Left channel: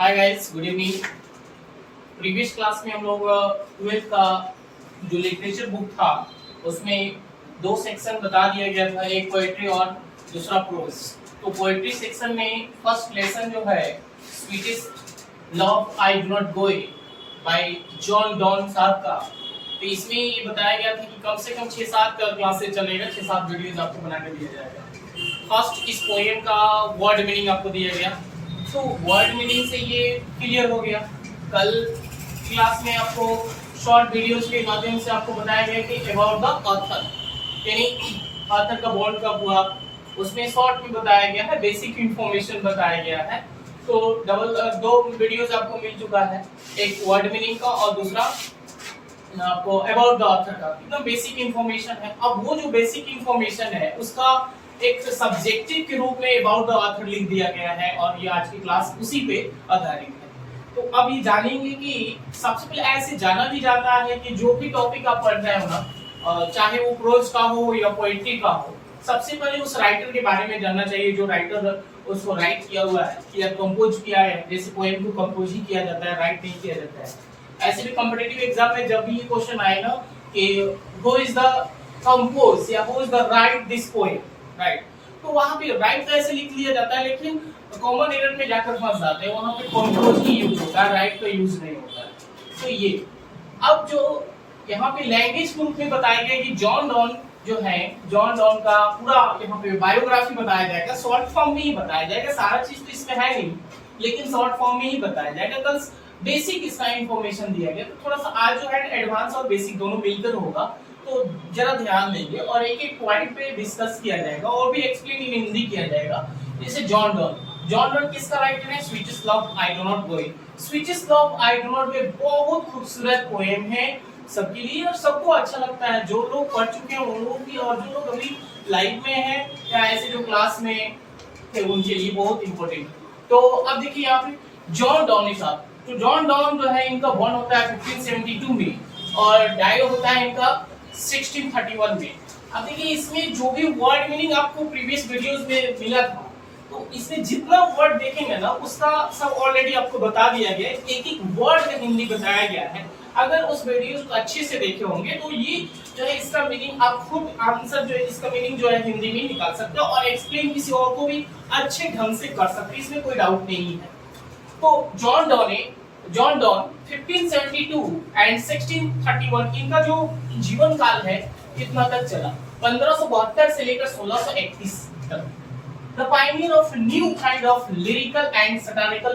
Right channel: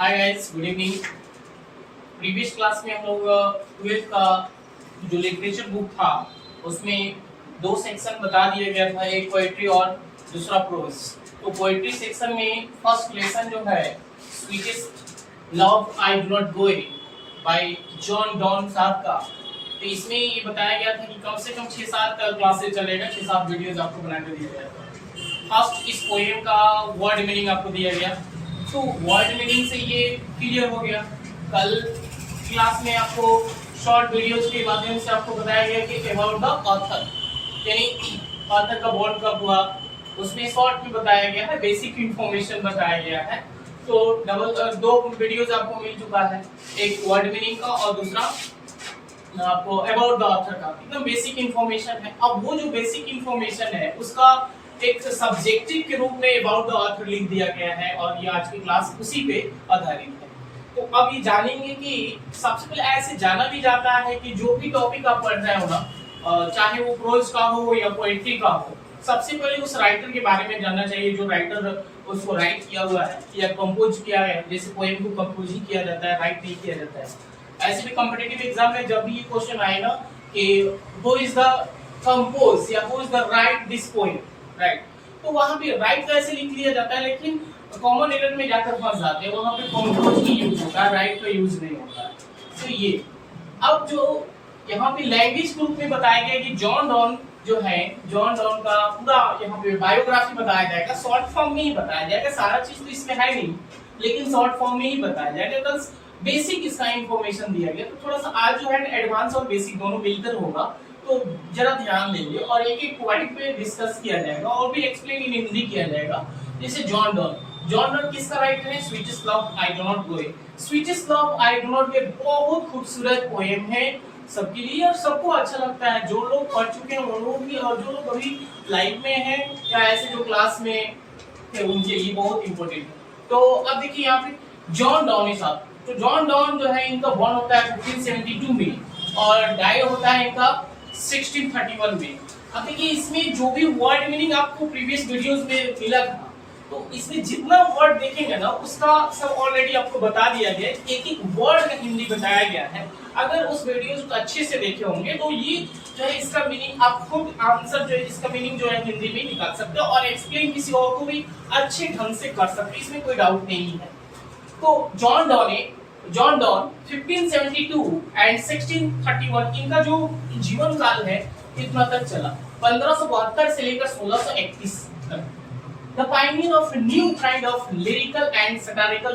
Hi guys, good evening. Previous class में हम लोग 12th का जो लिटरेचर बुक था उसमें दो सेक्शन बता दिया गया था, एक पोएट्री और दूसरा प्रोज। तो पोएट्री सेक्शन में फर्स्ट लेसन जो है sweetest love I do not go bye John Donne साहब का। तो इसमें ये बताया गया था कि कम से कम 6-7 क्लासेस चलेगा, 6-7 वीडियोज आपको बना के दिया जाएगा। फर्स्ट इस पोएम का वर्ड मीनिंग आपको दिया गया, तो वर्ड मीनिंग से ये क्लियर हो गया। कल क्लास में आपको शॉर्ट वीडियोस के माध्यम से आपको बताया गया कि अबाउट द ऑथर, यानी ऑथर का बॉर्न कब हुआ, उसमें शॉर्ट भी बताया गया है, बेसिक इंफॉर्मेशन बताया गया है। तो दो वीडियोस आपको मिल चुका है, एक वर्ड मीनिंग का और दूसरा आपको अबाउट द ऑथर का। एकदम बेसिक इंफॉर्मेशन है। अब वो जो बेसिक इंफॉर्मेशन है उसका एक सब्जेक्टिव के रूप में अबाउट द ऑथर लिख दिया गया है और ये आज की क्लास उसी पे आधारित है। तो अब ये जानेंगे कि सबसे पहले ऐसे जाना भी जाता है कि जो भी टॉपिक आप पढ़ रहे हो ना, चाहे वो प्रोज का हो या पोएट्री का हो, सबसे पहले उस राइटर के बारे में जानना चाहिए जो राइटर उसको राइट किया हुआ है या कंपोज किया है। जैसे पोएम को कंपोज ही किया जाता है, राइट नहीं किया जाता है। ऐसे भी कॉम्पिटिटिव एग्जाम में जब भी ये क्वेश्चन आएगा कि हु इज द कंपोज या who is the right this poem, right, तो वहां पे राइट कैसे लिख लिया जाता है, लेकिन कॉमन एरर में जाकर फंस जाते हैं। वहां पे कंपोज ही यूज होता है, राइट का यूज नहीं होता है। तो ये अब जो यहाँ पे लैंग्वेज के रूप में बताया गया कि जॉन डॉन जो है, जॉन डॉन का पूरा यहाँ पे बायोग्राफी बताया जाएगा, शॉर्ट फॉर्म में ही बताया जाएगा। सारा चीज तो इसमें है नहीं, लेकिन शॉर्ट फॉर्म में ही बताया जाएगा। कल बेसिक इसका इंफॉर्मेशन दिया गया, तो थोड़ा सा आज जो है एडवांस और बेसिक दोनों मिलकर होगा, तो जरा ध्यान देंगे और एक एक पॉइंट पे डिस्कस किया जाएगा और भी एक्सप्लेन इन हिंदी किया जाएगा। जैसे जॉन डॉन किसका राइटर है? Sweetest love I do not go. Sweetest love I do not go बहुत खूबसूरत पोएम है सबके लिए और सबको अच्छा लगता है। जो लोग पढ़ चुके हैं उन लोग भी और जो लोग अभी लाइव में हैं या ऐसे जो क्लास में थे उनके लिए बहुत इंपॉर्टेंट। तो अब देखिए यहाँ पे जॉन डॉन साहब, तो जॉन डॉन जो है इनका बॉर्न होता है 1572 में और डाई होता है इनका 1631 में। अब देखिए इसमें जो भी वर्ड मीनिंग आपको प्रीवियस वीडियोस में मिला था, तो इसमें जितना वर्ड देखेंगे ना उसका सब ऑलरेडी आपको बता दिया गया है, एक एक वर्ड में हिंदी बताया गया है। अगर उस वीडियोस को अच्छे से देखे होंगे तो ये जो है इसका मीनिंग आप खुद आंसर जो है इसका मीनिंग जो है हिंदी में निकाल सकते हो और एक्सप्लेन किसी और को भी अच्छे ढंग से कर सकते हो, इसमें कोई डाउट नहीं है। तो जॉन डॉन 1572 एंड 1631 इनका जो जीवन काल है इतना तक चला, 1572 से लेकर 1631 तक। The pioneer of a new kind of lyrical and satirical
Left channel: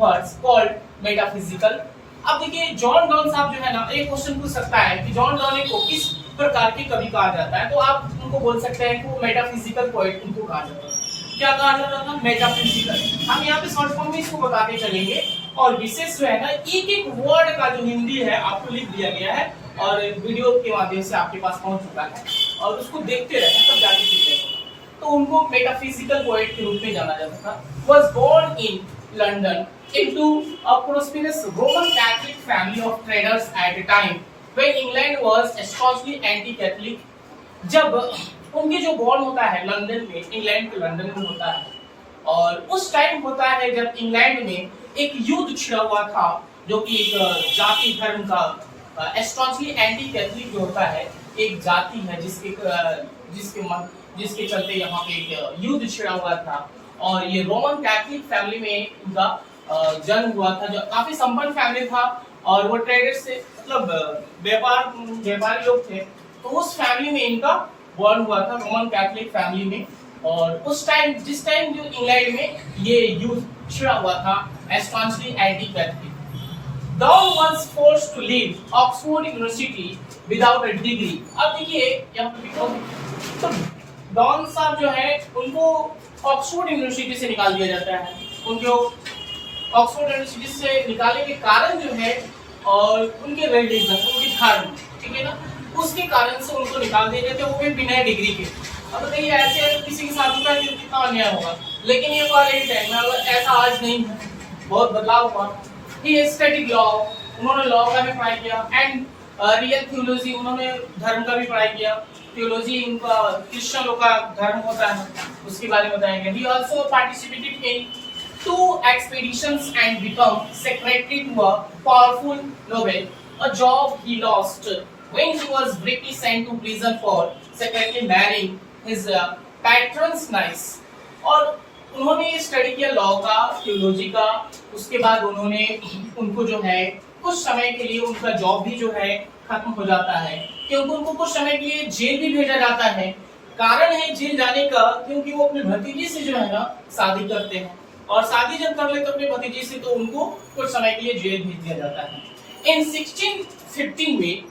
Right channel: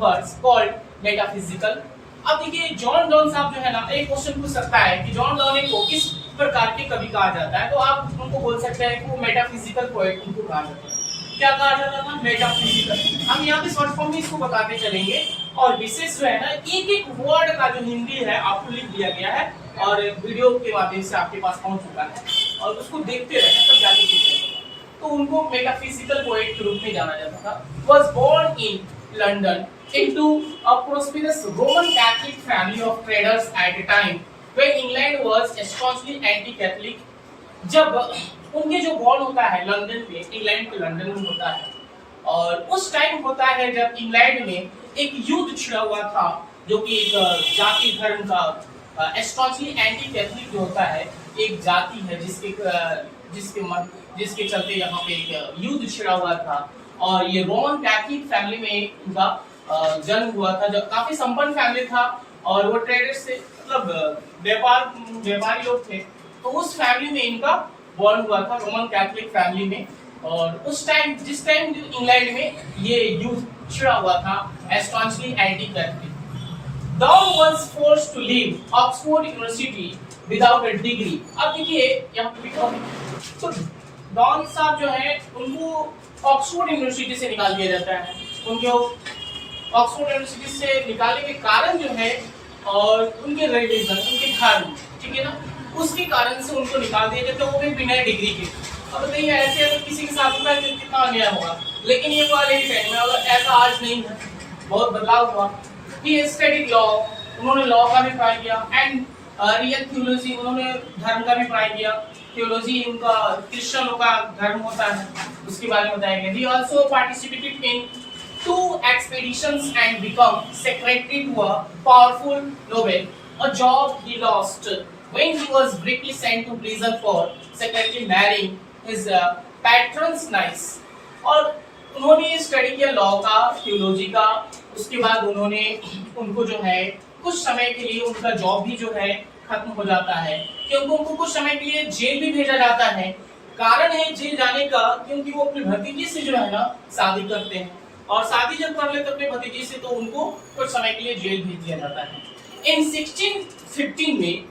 verse called metaphysical। अब देखिए जॉन डॉन साहब जो है ना, एक क्वेश्चन पूछ सकता है कि जॉन डॉन को किस प्रकार के कवि कहा जाता है, तो आप उनको बोल सकते हैं कि वो मेटाफिजिकल पोएट उनको कहा जाता है। क्या कहा जाता था? मेटाफिजिकल। हम यहाँ पे शॉर्ट फॉर्म में इसको बताते चलेंगे और विशेष जो है ना एक एक वर्ड का जो हिंदी है आपको लिख दिया गया है और वीडियो के माध्यम से आपके पास पहुंच चुका है और उसको देखते रहना तब जाके सीखेंगे। तो उनको मेटाफिजिकल पोएट के रूप में जाना जाता था। Was born in London into a prosperous Roman Catholic family of traders at a time when England was staunchly anti-Catholic। जब उनके जो बॉर्न होता है लंदन में, इंग्लैंड के लंदन में होता है और उस टाइम होता है जब इंग्लैंड में एक युद्ध छिड़ा हुआ था जो कि एक जाति धर्म का स्ट्रॉन्गली एंटी कैथलिक जो होता है एक जाति है जिसके चलते यहाँ पे एक युद्ध छिड़ा हुआ था और ये रोमन कैथलिक फैमिली में इनका जन्म हुआ था, जो काफी संपन्न फैमिली था और वो ट्रेडर्स से मतलब व्यापारी लोग थे। तो उस फैमिली में इनका बॉर्न हुआ था, रोमन कैथलिक फैमिली में। और उस टाइम जिस टाइम जो इंग्लैंड में ये युद्ध छिड़ा हुआ था strongly anti Catholic, Donne was forced to leave Oxford University without a degree. अब देखिए यहाँ पे तो डॉन साहब जो है उनको ऑक्सफोर्ड यूनिवर्सिटी से निकाल दिया जाता है। उनको ऑक्सफोर्ड यूनिवर्सिटी से निकालने के कारण जो है और उनके रिलीजन, उनके धर्म, ठीक है ना, उसके कारण से उनको निकाल दिया जाता है, वो भी बिना डिग्री के। अब बताइए ऐसे अगर किसी के साथ होता है तो कितना अन्याय होगा, लेकिन ये कॉलेज टाइम में ऐसा आज नहीं है, बहुत बदलाव हुआ। ही स्टडीड लॉ, उन्होंने लॉ का भी पढ़ाई किया एंड रियल थियोलॉजी, उन्होंने धर्म का भी पढ़ाई किया। थियोलॉजी इनका क्रिश्चियनों का धर्म होता है, उसके बारे में बताया गया। ही also participated in two expeditions and become secretary to a powerful noble, a job he lost when he was briefly sent to prison for secretly marrying his patron's niece. और उन्होंने स्टडी किया लॉ का, theology का, उसके बाद उन्होंने उनको जो है कुछ समय के लिए उनका जॉब भी जो है खत्म हो जाता है, क्योंकि उनको कुछ समय के लिए जेल भी भेजा जाता है। कारण है जेल जाने का क्योंकि वो अपने भतीजी से जो है ना शादी करते हैं, और शादी जब कर लेते अपने भतीजी से तो उनको कुछ समय के लिए जेल भेज दिया जाता है। इन 1615 में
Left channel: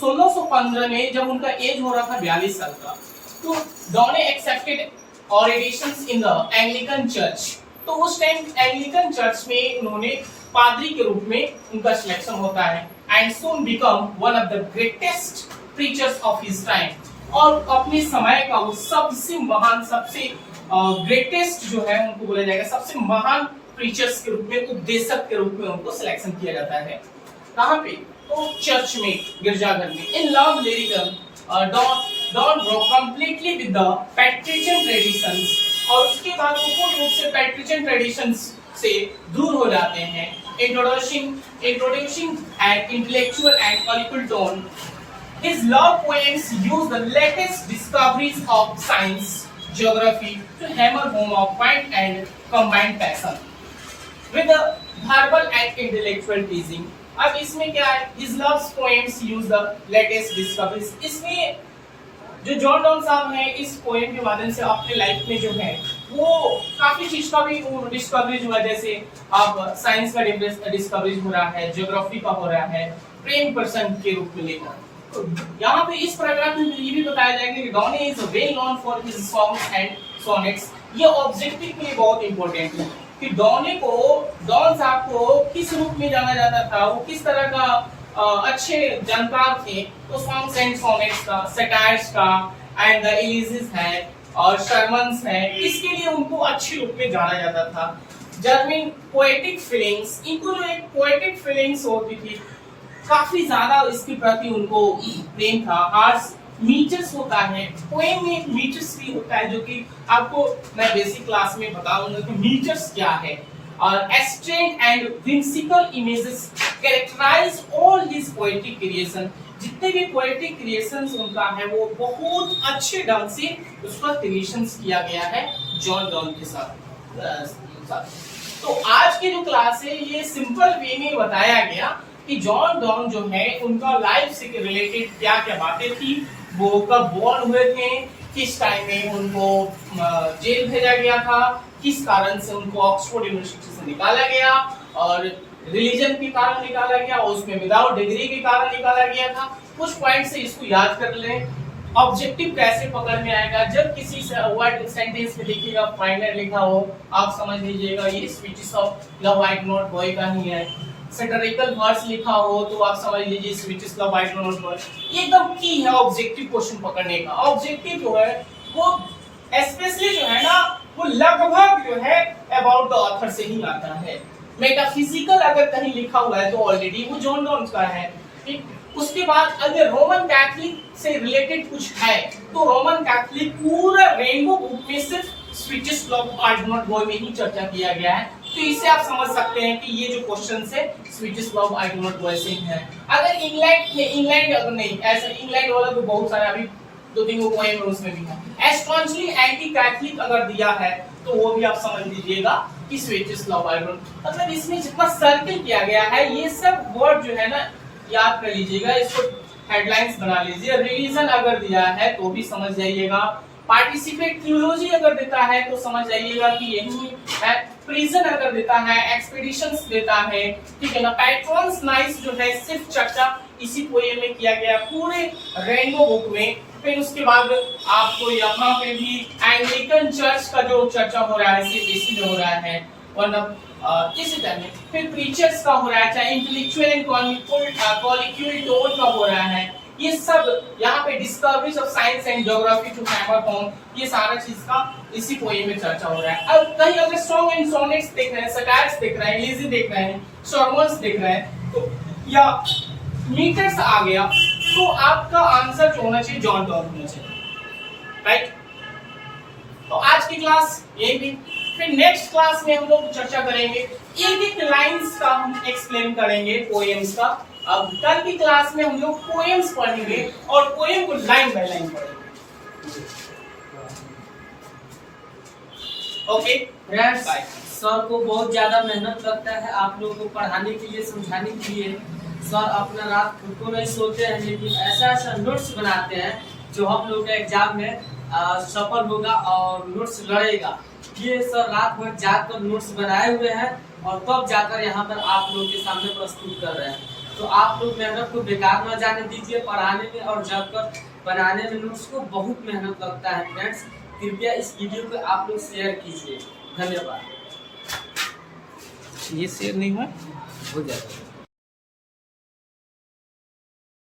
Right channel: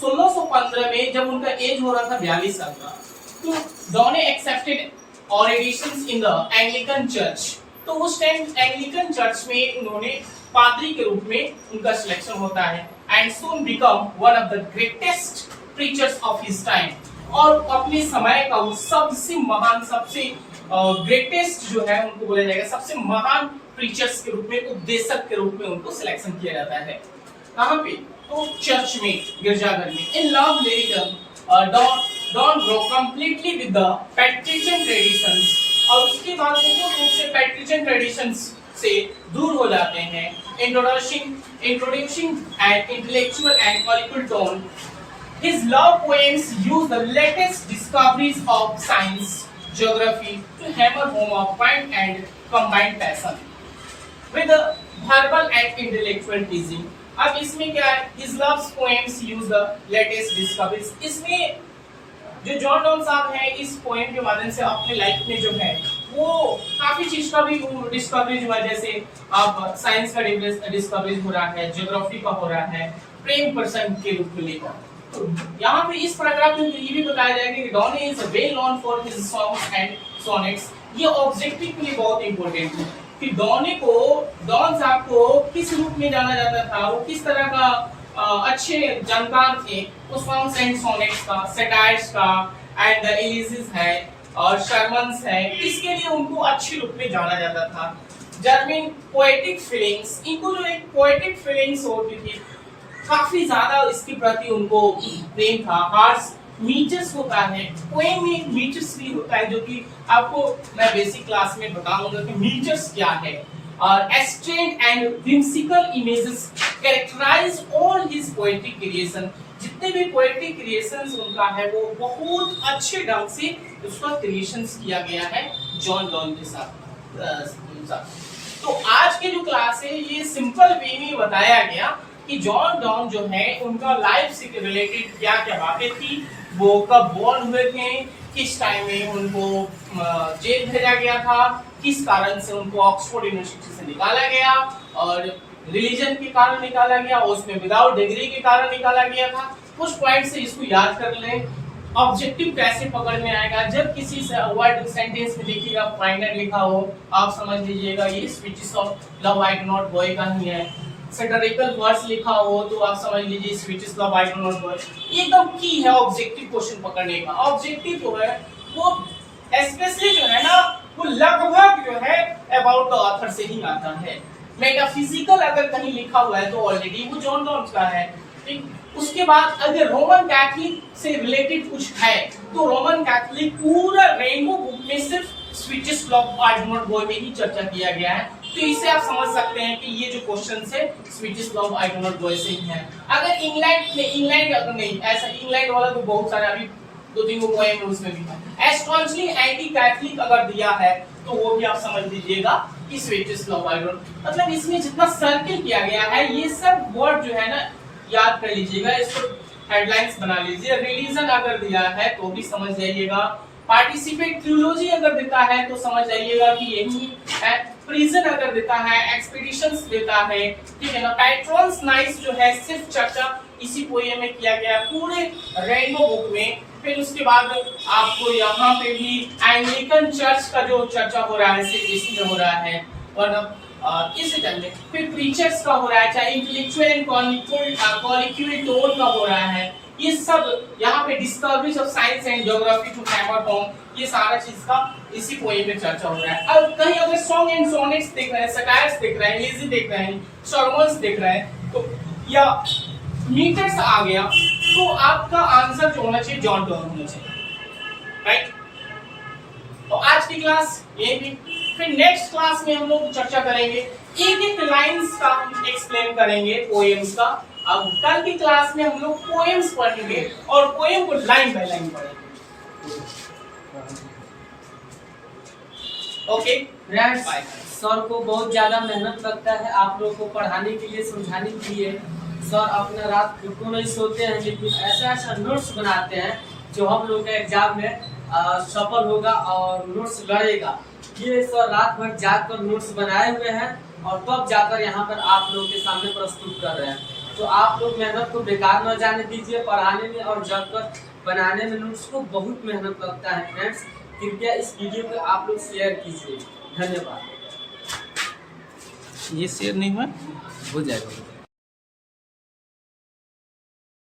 1615 में जब उनका एज हो रहा था 42 साल का, तो डॉने accepted ordinations in the Anglican church. तो उस टाइम एंग्लिकन चर्च में उन्होंने पादरी के रूप में उनका सिलेक्शन होता है, and soon become one of the greatest preachers of his time. और अपने समय का वो सबसे महान, सबसे ग्रेटेस्ट जो है उनको बोला जाएगा, सबसे महान प्रीचर्स के रूप में, उपदेशक के रूप में उनको सिलेक्शन किया जाता है। कहाँ पे? तो चर्च में, गिरजाघर में। In love lyric Donne broke completely with the Petrarchan traditions, और उसके बाद वो पूर्ण रूप से पैट्रिशियन ट्रेडिशंस से दूर हो जाते हैं। Introducing an intellectual and political tone, his love poems use the latest discoveries of science, geography to hammer home a point and combined passion with a verbal and intellectual teasing। अब इसमें क्या है? His love poems use the latest discoveries। इसमें जो John Donne साहब हैं इस poem के माध्यम से अपने लाइफ में जो है वो काफी चीज का भी डिस्कवरीज हुआ, जैसे अब साइंस का डिस्कवरीज हो रहा है, ज्योग्राफी का हो रहा है, प्रेम पर्सन के रूप में लेकर। तो यहाँ पे इस पैराग्राफ में ये भी बताया जाएगा कि Donne is well known for his songs and sonnets. ये ऑब्जेक्टिव के लिए बहुत इंपॉर्टेंट है कि डॉन साहब को किस रूप में जाना जाता था, वो किस तरह का अच्छे जानकार थे। तो सॉन्ग्स एंड सोनेट्स का, सेटायर्स का, एंड द एलिजिस है और शर्मन्स है, इसके लिए उनको अच्छे रूप में जाना जाता था। जर्मन पोएटिक फीलिंग्स, इनको जो एक पोएटिक फीलिंग्स होती थी, काफी ज्यादा इसके प्रति उनको प्रेम था। हार्स मीटर्स होता है, पोएम में एक मीटर्स भी होता है, जो कि आपको मैं बेसिक क्लास में बताऊंगा कि मीटर्स क्या है। और एस्ट्रेंड and whimsical images characterize all his poetic creation। जितने भी पोएटिक क्रिएशंस उनका है वो बहुत अच्छे ढंग से उसका क्रिएशंस किया गया है जॉन डॉन के साथ। तो आज के जो क्लास है ये सिंपल वे में बताया गया कि जॉन डॉन जो है उनका लाइफ से रिलेटेड क्या क्या बातें थी, वो कब बोर्न हुए थे, किस टाइम में उनको जेल भेजा गया था, किस कारण से उनको ऑक्सफोर्ड यूनिवर्सिटी से निकाला गया, और रिलीजन के कारण निकाला गया, उसमें विदाउट डिग्री के कारण निकाला गया था। कुछ पॉइंट से इसको याद कर लें। ऑब्जेक्टिव कैसे पकड़ में आएगा? जब किसी से वर्ड सेंटेंस में देखिएगा फाइनल लिखा हो, आप समझ लीजिएगा ये speeches of love I do not boy का ही है। सेटरिकल वर्ड्स लिखा हो तो आप समझ लीजिए speeches love I do not boy. ये एकदम की है ऑब्जेक्टिव क्वेश्चन पकड़ने का। ऑब्जेक्टिव जो है वो स्पेशली जो है ना वो लगभग जो है अबाउट द ऑथर से ही आता है। मेटाफिजिकल अगर कहीं लिखा हुआ है तो ऑलरेडी वो जॉन डॉन का है। ठीक, उसके बाद अगर रोमन कैथोलिक से रिलेटेड कुछ है तो रोमन कैथोलिक पूरा रेनबो बुक में सिर्फ speeches of I do not boy में ही चर्चा किया गया है। तो इससे आप समझ सकते हैं कि ये जो क्वेश्चन है speeches of I do not boy से ही है। अगर इंग्लैंड अगर नहीं, ऐसा इंग्लैंड वाला तो बहुत सारे अभी 2-3 पोएम उसमें भी है। स्ट्रांगली एंटी कैथोलिक अगर दिया है तो वो भी आप समझ लीजिएगा कि speeches of I do not, मतलब इसमें जितना सर्किल किया गया है ये सब वर्ड जो है ना याद कर लीजिएगा, इसको हेडलाइंस बना लीजिए। रिलीजन अगर दिया है तो भी समझ जाइएगा। पार्टिसिपेट थियोलॉजी अगर देता है तो समझ जाइएगा कि यही है। प्रिजन अगर देता है, एक्सपीडिशंस देता है, ठीक है ना। पैट्रॉन्स नाइस जो है सिर्फ चर्चा इसी पोएम में किया गया पूरे रेनबो बुक में। फिर उसके बाद आपको यहाँ पे भी एंग्लिकन चर्च का जो चर्चा हो रहा है सिर्फ इसी में हो रहा है, वरना किसी टाइम में। फिर प्रीचर्स का हो रहा है, चाहे इंटेलेक्चुअल एंड कॉलिक्यूल टोन का हो रहा है। ये सब यहाँ पे discoveries of science and geography to hammer home, ये सारा चीज का इसी पोएम में चर्चा हो रहा है। अब कहीं अगर सॉन्ग एंड सोनेट्स देख रहे हैं, सटायर्स देख रहे हैं, एलिजी देख रहे हैं, सर्मन्स देख रहे हैं, तो या मीटर्स आ गया तो आपका आंसर जो होना चाहिए जॉन डॉन होना चाहिए, राइट। तो आज की क्लास यही थी। फिर नेक्स्ट क्लास में हम लोग चर्चा करेंगे, एक एक लाइंस का हम एक्सप्लेन करेंगे पोएम्स का। अब कल की क्लास में हम लोग पोएम्स पढ़ेंगे और पोएम को लाइन बाय लाइन पढ़ेंगे। ओके फ्रेंड्स, सर को बहुत ज़्यादा मेहनत लगता है आप लोगों को पढ़ाने के लिए, समझाने के लिए। सर अपना रात को नहीं सोते हैं, लेकिन ऐसा ऐसा नोट्स बनाते हैं जो हम लोग के एग्जाम में सफल होगा और नोट्स लड़ेगा। ये सर रात भर जाकर नोट्स बनाए हुए हैं और तब जाकर यहाँ पर आप लोगों के सामने प्रस्तुत कर रहे हैं। तो आप लोग मेहनत को बेकार न जाने दीजिए पढ़ाने में, और जगकर बनाने में नोट्स को बहुत मेहनत लगता है। फ्रेंड्स, कृपया इस वीडियो को आप लोग शेयर कीजिए। धन्यवाद। ये शेयर नहीं हुआ, हो जाएगा।